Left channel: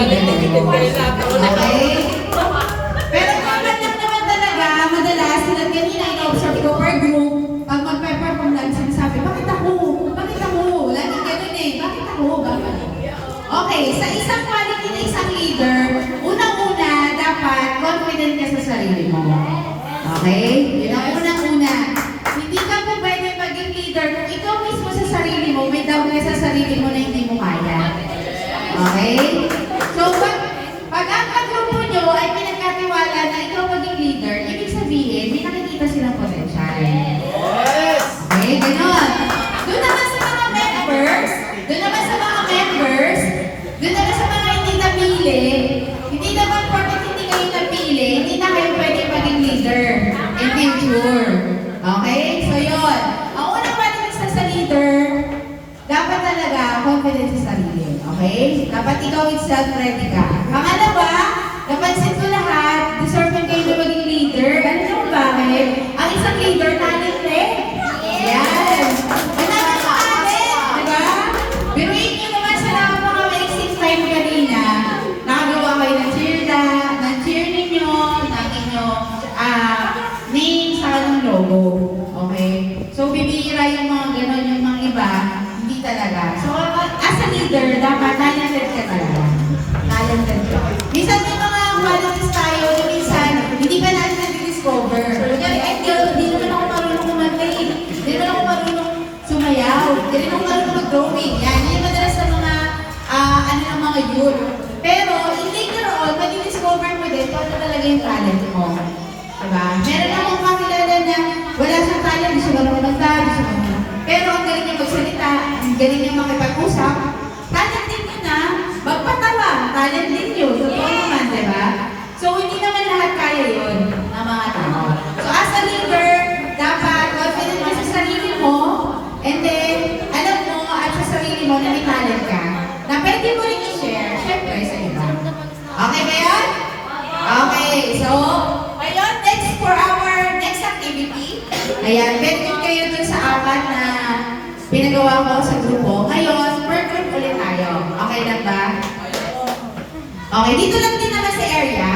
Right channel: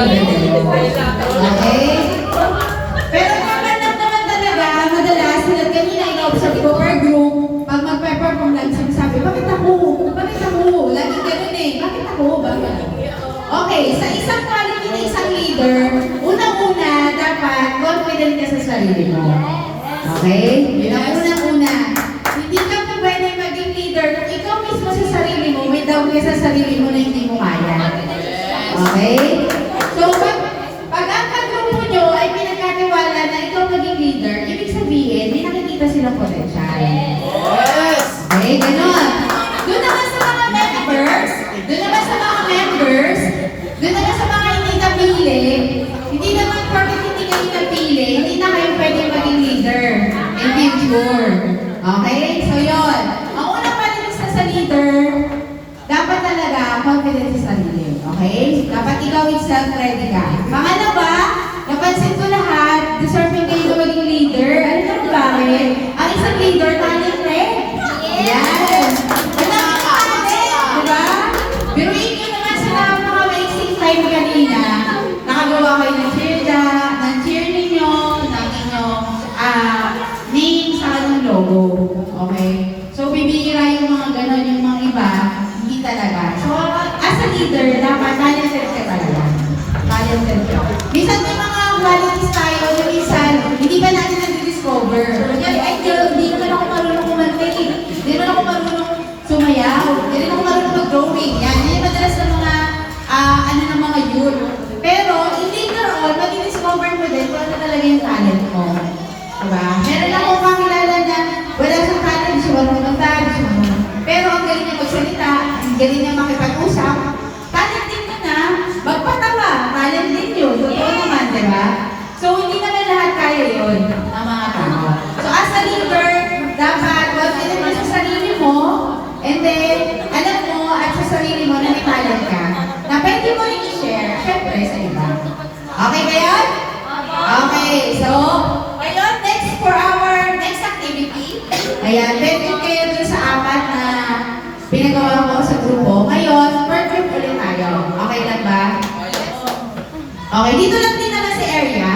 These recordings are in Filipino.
Okay? Pero naman talaga, madalas, tulad kanina, ina-observe ko per group, pag mag-perform lang, sinasabi, bakit ako? Bakit ako? Laging ganun eh, bakit ako? Bakit? Okay, sa isang quality na isang leader, unang-una, dapat confident ka sa sarili mo. Okay? Yun ang unang-una. Hindi ka po pwede maging leader kung ikaw mismo sa sarili mo, may doubt ka sa sarili mo na hindi mo kaya. Okay? So, pag ang kagrupo nyo ay pinagkatiwala na ikaw maging leader, ibig sabihin, may nakikita silang potential. Yes! Okay, ganun. Doon naman sa mga members, doon naman sa mga hindi napili, hindi naman porket hindi kayo napili, hindi na kayo pwede maging leader in future. Okay? So, yun. Ang unang pwede sa leader, dapat talaga confident sa sarili. Okay? Dapat ikaw itself ready ka. Pangalawa, napansin ko lahat, deserving kayo na maging leader. Ano naman bakit? Ang isang leader, talent rin. Yan. Ang dami ng talent, di ba? Biruin nyo naman sa mga maiksing time kanina, nakagawa kayo ng cheer ninyo, ng inyong name sa kanyang logo. Okay? So, bibihira yung mga ganon, yung mga iba, hindi talaga. So, as a leader, dapat talented ka talaga. Talented ka. Minsan may mga qualities tayo na minsan, hindi pa natin nag-discover. Ay, girl, hindi naman ako marunong kumantay. Hindi naman ako marunong sumayaw. Hindi naman ako marunong mag-drawing. Yan, yun yung madalas sa mga, ng mga youth. Pero, later on, mag-discover mo din kung ano talaga yung talent mo. Diba? Meron akong kakilala na wala siyang talent, di siya marunong magdala, di siya marunong. Pero ang galing niya magsalita, ang galing niya makipag-usap, talent din yun na, magpatawa, talent din yun. Totoo naman, di ba? So, hindi naman lahat kaya yun ng mga tao. So, as a leader, dapat confident mo sa sarili mo, and then, alam mo at sa sarili mo na may talent ka, na pwede mo rin i-share, syempre, sa iba. Okay ba yun? Okay, so, ngayon, next for our next activity. Ayan, pwede kayo dun sa apat na pinagawa ko sa grupo. Ngayon, per group ulit tayo. Okay lang ba? Okay, dito lang din naman sa area.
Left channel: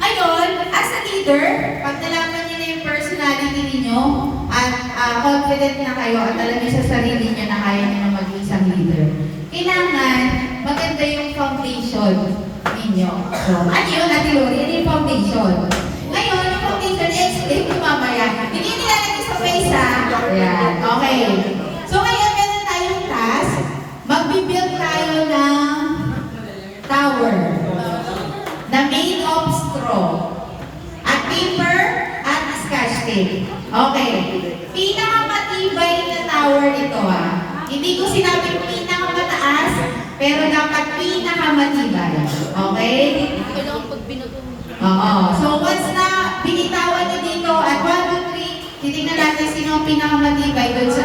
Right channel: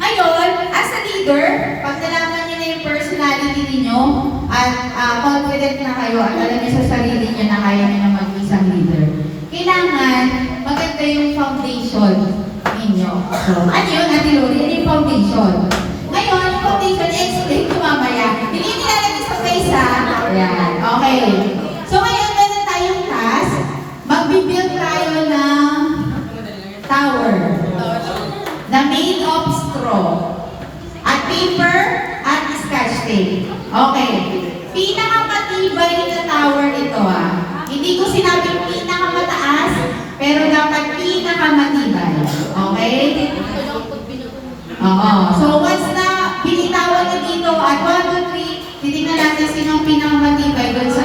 Ngayon, as a leader, pag nalaman niyo na yung personality ninyo at confident na kayo at alam niyo sa sarili niyo na kaya niyo na maging isang leader, kailangan maganda yung foundation ninyo. So, ano yun, Ate Lori? Ano yung foundation? Ngayon, yung foundation, explain ko mamaya. Hindi nilalagay sa face, ha? Ayan, okay. So, ngayon, meron tayong task. Magbibuild tayo ng tower na made of straw at paper at scotch tape. Okay. Pinakamatibay na tower ito, ha? Hindi ko sinabing pinakamataas, pero dapat pinakamatibay. Okay? Oo. So, once na binitawan nyo dito at 1, 2, 3, titignan natin sino ang pinakamatibay doon sa